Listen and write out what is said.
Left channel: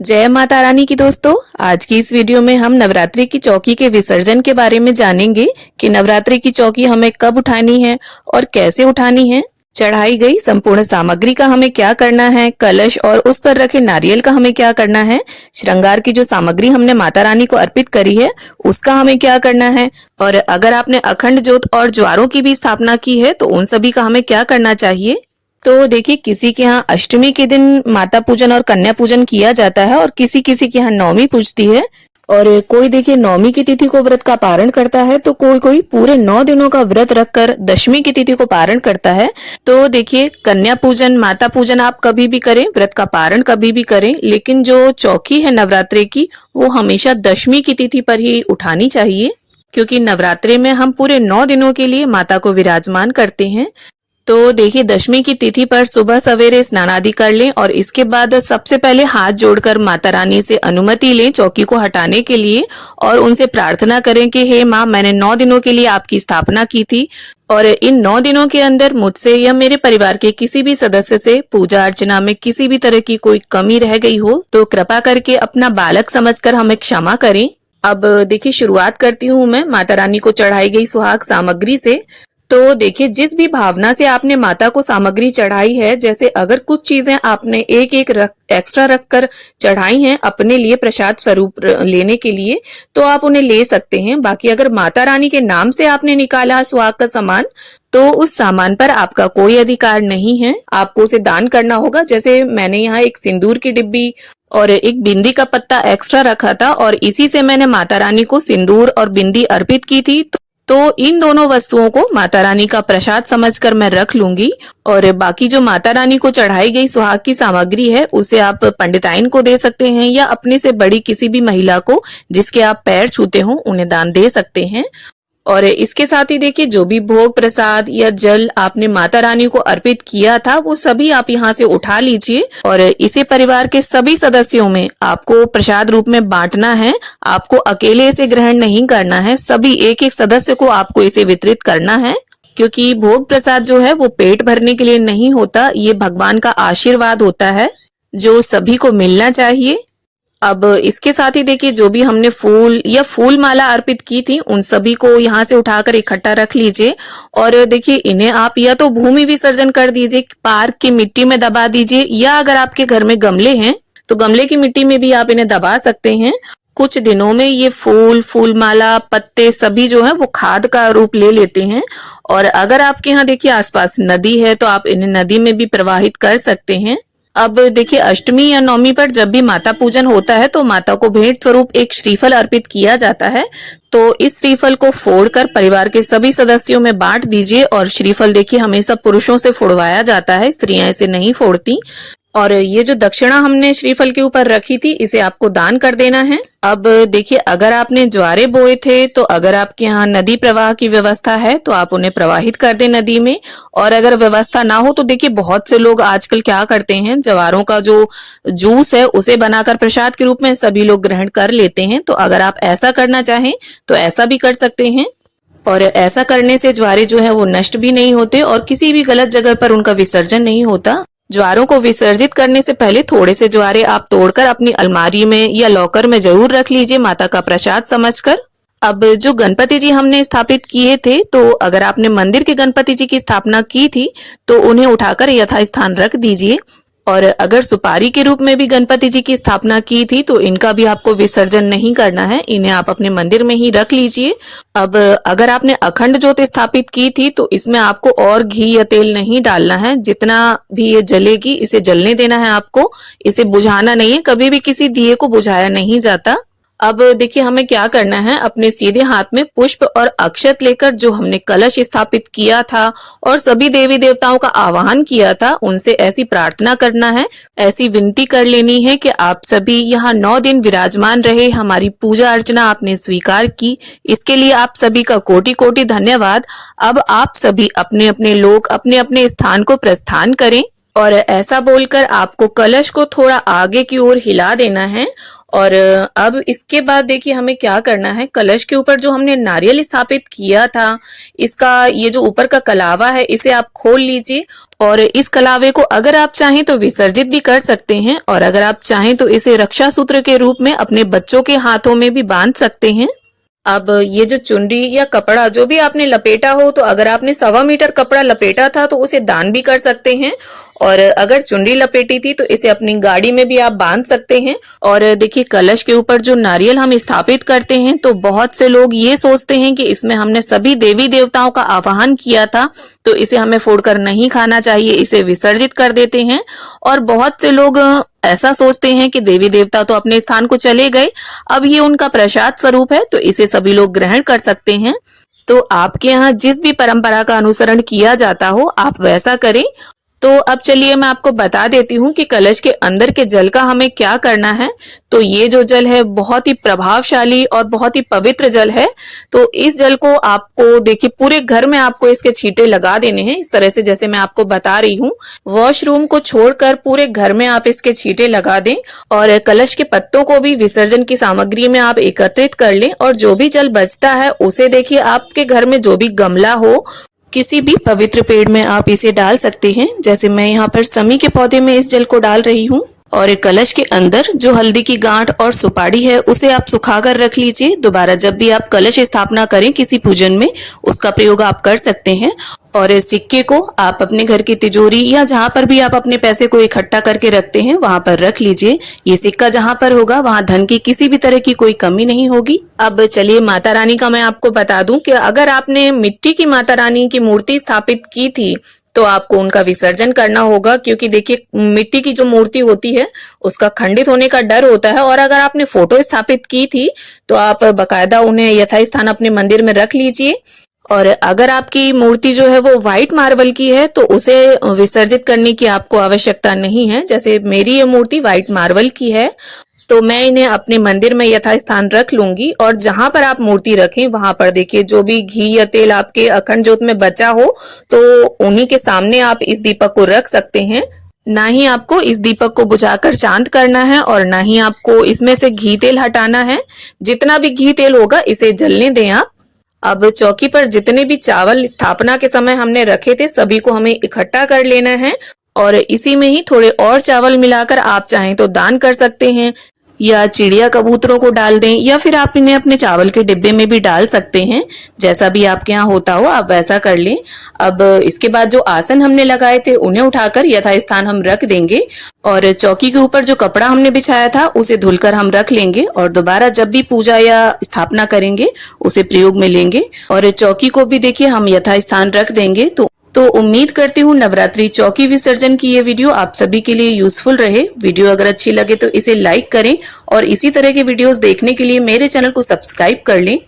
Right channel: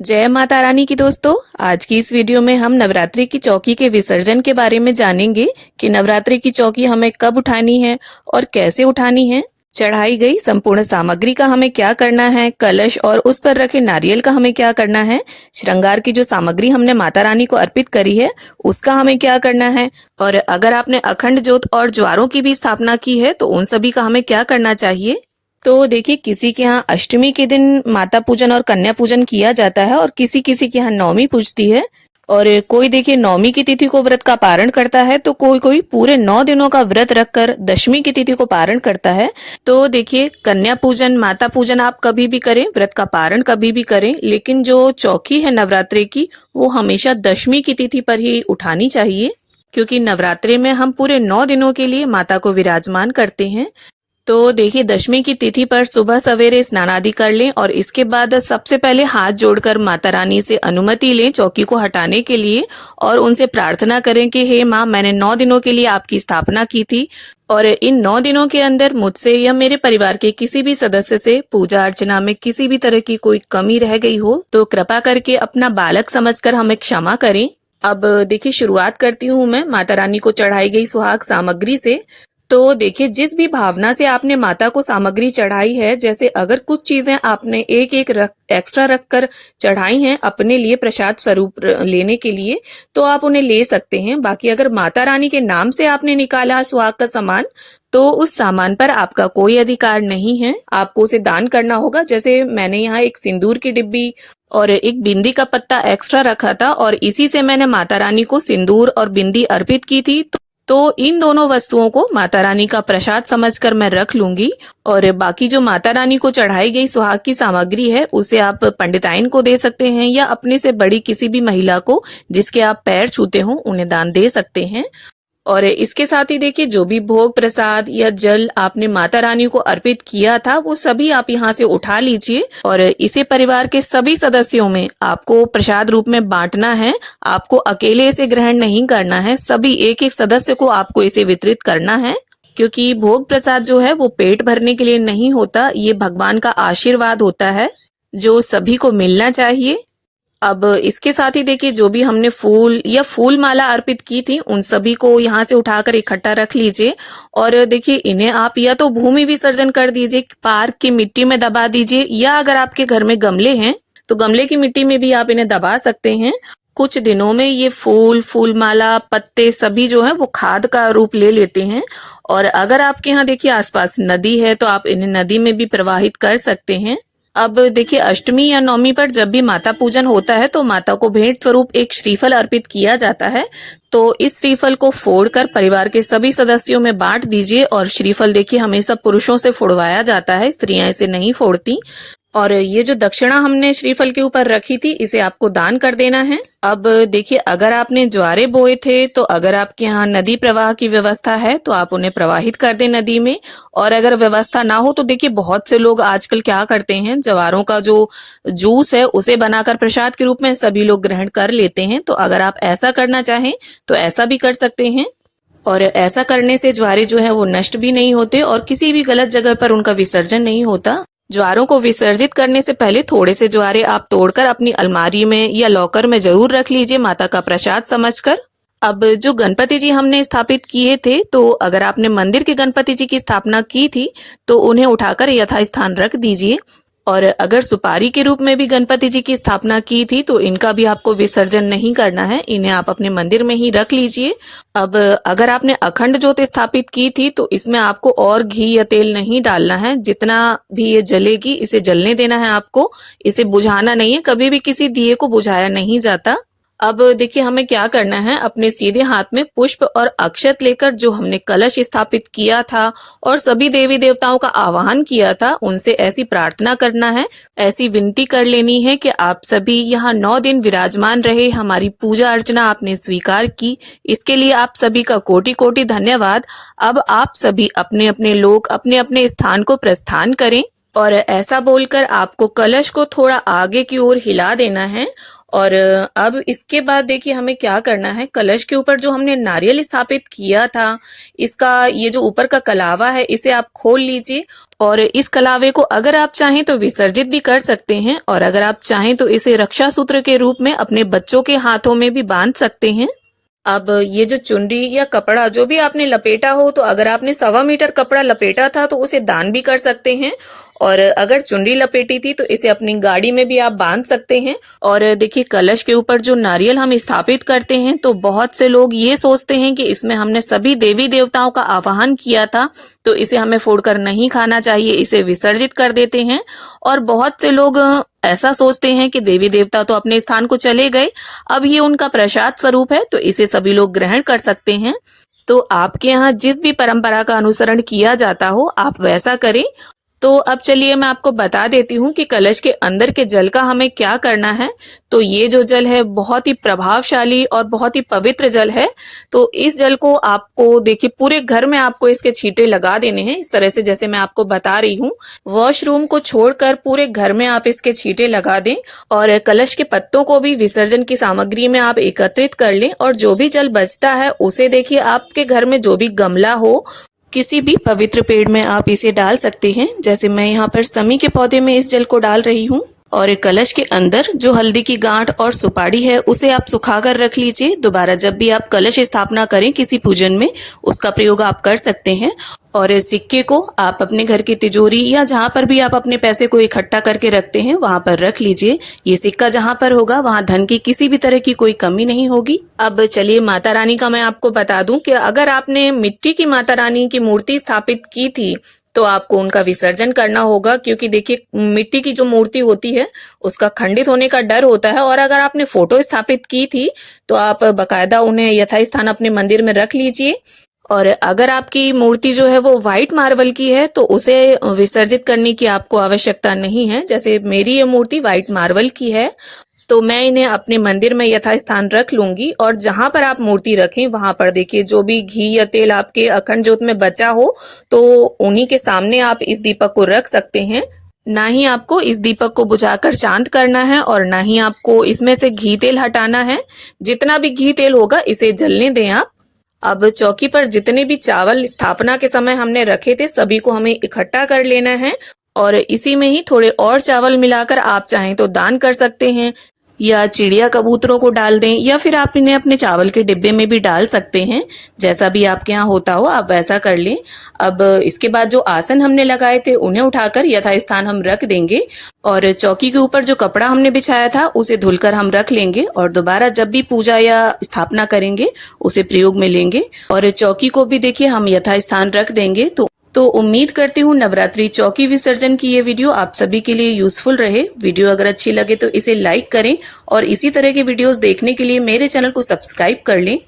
जय माता रानी की दोस्तों। आज की इस वीडियो में हम नवरात्रि की चौकी के विसर्जन के बारे में जानेंगे कि नवरात्रि की चौकी हमें कब उठानी है और कैसे उठानी है। चढ़ाई गई संपूर्ण सामग्री का हमें क्या करना है, कलश और उस पर रखे नारियल का हमें क्या करना है, श्रृंगार की जो सामग्री हमने माता रानी को अर्पित करी है उसका हमें क्या करना है, और अगर आपने अखंड ज्योत और ज्वारों की भी स्थापना की है तो उन सभी का हमें क्या करना चाहिए। तो देखिए, किसी के यहाँ अष्टमी के दिन माता पूजन और कन्या पूजन किया जाता है और किसी किसी के यहाँ नवमी पूजती है, और कोई देखिए नवमी की तिथि को व्रत का पारण करता है तो कोई कोई पूरे 9 दिनों का व्रत रखकर दशमी की तिथि को पारण करता है। तो देखिए, कन्या पूजन माता पूजन आप कभी भी करें, व्रत का पारण कभी भी करें, लेकिन जो चौकी है नवरात्रि की वो हमेशा दशमी की तिथि पर ही उठानी चाहिए, क्योंकि नवरात्रि में हम पूरे 9 दिनों के लिए माता को विराजमान करते हैं। तो देखिए, दशमी की तिथि पर सुबह सवेरे स्नान आदि कर लें और इसके बाद सबसे पहले हाथ जोड़कर माता रानी से अनुमति लें चौकी को हटाने के लिए, और उनसे प्रार्थना करें कि हे माँ, मैंने 9 दिनों के लिए आपकी स्थापना की थी और इन 9 दिनों के अंदर मुझसे या मेरे परिवार के किसी भी सदस्य से पूजा अर्चना में किसी भी तरह की कोई कमी रह गई हो तो कृपा करके अपना बालक समझकर हमें क्षमा करें। अब देखिए, शुरुआत करती हूँ मैं माता रानी को चढ़ाई गई सुहाग सामग्री से। तो देखिए, जिस भी भावना से आपने माता को सामग्री चढ़ाई है, जैसे अगर कुछ चीजें आपने एक एक एक्स्ट्रा रखकर चढ़ाई हैं अपने लिए प्रसाद स्वरूप लेने के लिए, तो आप उन्हें ले सकते हैं। बाकी अगर माता रानी के नाम से आपने निकाला सुहाग का सामान, तो उस सामान पर आपका कोई अधिकार नहीं है, आपको उसे दान करना होगा। जैसे मैंने यहाँ एक सिंदूर की डिब्बी और एक बिंदी का पत्ता एक्स्ट्रा रखा था और इसी से मैंने माता रानी को सिंदूर और बिंदी अर्पित की थी, तो इन दोनों वस्तुओं को माता रानी का प्रसाद समझकर मैं रख लूंगी। और बाकी जो माता रानी को चढ़ाई गई सुहाग की सामग्री है उसे आप पंडिताइन को दे सकते हैं या अपने से बड़ी किसी भी महिला को जिसके आप पैर छूते हो उन्हें दान दे सकते हैं। और इसके साथ ही देखिए, जो भी भोग प्रसाद या जल आपने माता रानी को अर्पित किया था वो सभी आप यहाँ से उठा लीजिए और इसे परिवार के सभी सदस्यों में आपको प्रसाद रूप में बांटना है। आपको अकेले इसे ग्रहण नहीं करना है, सभी एक एक सदस्य को आपको इसे वितरित करना है, क्योंकि भोग प्रसाद जो है वो पेट भरने के लिए नहीं होता, ये भगवान का आशीर्वाद होता है जो सभी को मिलना चाहिए। अब इसके साथ ही देखिए, जो भी हमने फूल या फूल माला अर्पित की थी उन सभी को यहाँ से उठाकर इकट्ठा रख लीजिए और देखिए, इन्हें आप या तो भूमि विसर्जन कर दीजिए, पार्क की मिट्टी में दबा दीजिए, या अगर आपके घर में गमले हैं तो गमले की मिट्टी में भी आप इन्हें दबा सकते हैं। कुछ दिनों में ये फूल माला पत्ते सभी जो है वो खाद का रूप ले लेते हैं, और अगर आपके यहाँ देखिए आसपास नदी है तो आप इन्हें नदी में भी प्रवाहित कर सकते हैं। अब देखिए, अष्टमी या नवमी पर जब भी माता पूजन होता है तो माता को भेंट स्वरूप एक श्रीफल अर्पित किया जाता है, तो इस श्रीफल को फोड़कर परिवार के सभी सदस्यों में बांट दीजिए। और श्रीफल देखिए हमेशा पुरुषों से फोड़वाया जाता है, स्त्रियां इसे नहीं फोड़ती। और ये जो दक्षिणा हमने श्रीफल के ऊपर रखी थी इसे आपको दान कर देना है। अब देखिए, अगर आपने ज्वारे बोए थे तो अगर आपके यहाँ नदी प्रवाह की व्यवस्था है तो आप उन्हें प्रवाहित कर दें नदी में, और अगर व्यवस्था ना हो तो देखिए बहुत से लोग आजकल क्या करते हैं, ज्वारों का जो जूस है उसे बनाकर प्रसाद के रूप में सभी लोग ग्रहण कर लेते हैं। तो अगर आप ऐसा करना चाहें तो ऐसा भी कर सकते हैं, और ऐसा करने से ज्वारे जो है वो नष्ट भी नहीं होते और किसी भी गलत जगह पर उनका विसर्जन नहीं होता। ज्वारों को विसर्जित करने से पहले थोड़े से ज्वारे आप तोड़कर अपनी अलमारी में या लॉकर में जरूर रख लीजिए माता का प्रसाद समझकर। अब जो गणपति जी हमने स्थापित किए थे, तो अगर आपने मंदिर के गणपति जी की स्थापना की थी तो उन्हें उठाकर यथास्थान रख दीजिए, और अगर सुपारी के रूप में भी गणपति जी की स्थापना की थी तो इनका भी आपको विसर्जन नहीं करना है, इन्हें आप अपने मंदिर में ही रख लीजिए। अब अगर आपने अखंड ज्योत स्थापित की थी तो इसमें आपको और घी या तेल नहीं डालना है, जितना भी ये जलेगी इसे जलने देना है आपको, इसे बुझाना नहीं है, कभी भी किसी दिए को बुझाया नहीं जाता। अब देखिए, हमें क्या करना है, अपने सीधे हाथ में पुष्प और अक्षत लेकर जो हमने कलश स्थापित किया था और सभी देवी देवताओं का आवाहन किया था उनसे ऐसी प्रार्थना करना है, ऐसी विनती कर लेनी है कि आप सभी यहाँ 9 दिन विराजमान रहे, हमारी पूजा अर्चना आपने स्वीकार की, इसके लिए आप सभी का कोटि कोटि धन्यवाद। अब आप सभी अपने अपने लोग अपने अपने स्थान को प्रस्थान करें, और ऐसा बोलकर आपको कलश को थोड़ा आगे की ओर हिला देना है और अब इसके बाद देखिए हमें क्या करना है, कलश के ऊपर जो हमने नारियल स्थापित किया था, इसका ये जो ऊपर का कलावा है इसे आप खोल लीजिए और इस कलावे को अगर आप चाहें तो विसर्जित भी कर सकते हैं और अगर आप चाहें तो इसे रक्षा सूत्र के रूप में अपने बच्चों के हाथों में भी बांध सकते हैं। अब ये जो चुनरी या कपड़ा जो भी आपने लपेटा हो, तो अगर आपने 1.25 मीटर कपड़ा लपेटा था तो उसे दान भी कर सकते हैं और अगर चुनरी लपेटी थी तो इसे अपनी गाड़ी में भी आप बांध सकते हैं। और देखिए कलश के ऊपर जो नारियल हम स्थापित करते हैं तो बहुत से लोग ये सोचते हैं कि इसमें हमने सभी देवी देवताओं का आवाहन किया था तो इसे हमें फोड़कर नहीं खाना चाहिए, इसे विसर्जित कर देते हैं। और बहुत से लोग ऐसा सोचते हैं कि देवी देवता तो अपने स्थान को चले गए, अब ये उनका प्रसाद स्वरूप है तो इसे सभी लोग ग्रहण कर सकते हैं। तो आपके यहाँ जिस भी परंपरा का अनुसरण किया जाता हो आप वैसा करें। तो अब चलिए मैं आपको बता देती हूँ कि कलश के अंदर के जल का हमें क्या करना है। तो ये जो जल है बहुत ही प्रभावशाली और बहुत ही पवित्र जल है। तो इस जल को आपको देखिए पूरे घर में आपको इसके छींटे लगा देने हैं, इस तरह से जैसे मैं आपको बता रही हूँ। वॉशरूम को छोड़कर पूरे घर में आप इसके छींटे लगा दें और कलश के पत्तों को भी विसर्जन की सामग्री में आप एकत्रित कर लें और जो भी जल बचता है उसे देखिए आपके घर में जो भी गमला हो, किसी भी पवित्र पेड़ में आप इसे डाल सकते हैं। जैसे मैं यहाँ पर समी के पौधे में इस जल को डाल रही हूँ। और एक कलश के अंदर जो हल्दी की गांठ और सुपारी है उसे आप सुखाकर रख लीजिए। दोबारा जब भी आप कलश स्थापना करें किसी पूजन में उसका प्रयोग आप कर सकते हैं। और इस सिक्के को आप अपने घर की तिजोरी या जहां पर भी आप अपने पैसे को इकट्ठा करके रखते हैं वहां पर रख लीजिए। ये सिक्का जहां पर होगा वहां धन की किसी भी तरह की कोई कमी नहीं होगी। अब चलिए माता रानी का मैं आपको बता दूं कि अगर आपने मिट्टी की माता रानी की मूर्ति स्थापित की थी तो आपको उनका विसर्जन करना होगा, क्योंकि देखिए मिट्टी की जो मूर्ति होती है उसका खंडित होने का डर होता है। और अगर आपने फोटो स्थापित की थी तो आप बकायदा उन्हें यथास्थान अपने मंदिर में रख लीजिए। और अगर आपकी मूर्ति जो है वो व्हाइट मार्बल की है तो उसे विसर्जित करने की आपको आवश्यकता नहीं है। जैसे मेरी ये मूर्ति व्हाइट मार्बल की है तो मैं इन्हें अपने मंदिर में यथास्थान रख लूंगी। और जहां पर आप मूर्ति रखें वहां पर देखिए जो भी घी या तेल आपके अखंड ज्योत में बचा हो तो उन्हीं के सामने आप इस दीपक को रख सकते हैं। ना ही आपको इस दीपक को बुझाकर शांत करना है और ना ही आपको इसमें से घी तेल हटाना है। जितना भी घी तेल होगा इसे जलने दें आप। अब चौकी पर जितने भी चावल स्थापना के समय हमने रखे थे सभी को हमें इकट्ठा कर लेना है और इसी में ही थोड़े और चावल मिलाकर आप चाहें तो दान कर सकते हैं या चिड़िया कबूतरों को डाल दें या फिर आप इन्हें अपने चावल के डिब्बे में भी डाल सकते हैं। जैसा भी आपके यहाँ होता हो आप वैसा कर लें। अब इसके बाद जो आसन हमने लगाए थे उन्हें उठाकर यथास्थान हम रख देंगे और चौकी के ऊपर जो कपड़ा हमने बिछाया था उसे धुलकर हम रख लेंगे और दोबारा जब भी पूजा या स्थापना करेंगे उसे प्रयोग में लेंगे। और चौकी को भी देखिए हम यथास्थान रख देंगे। तो उम्मीद करती हूँ नवरात्रि चौकी विसर्जन की ये वीडियो आप सभी के लिए यूजफुल रहे। वीडियो अगर अच्छी लगे तो इसे लाइक करें और इसी तरह के वीडियोस देखने के लिए मेरे चैनल को सब्सक्राइब कर लें।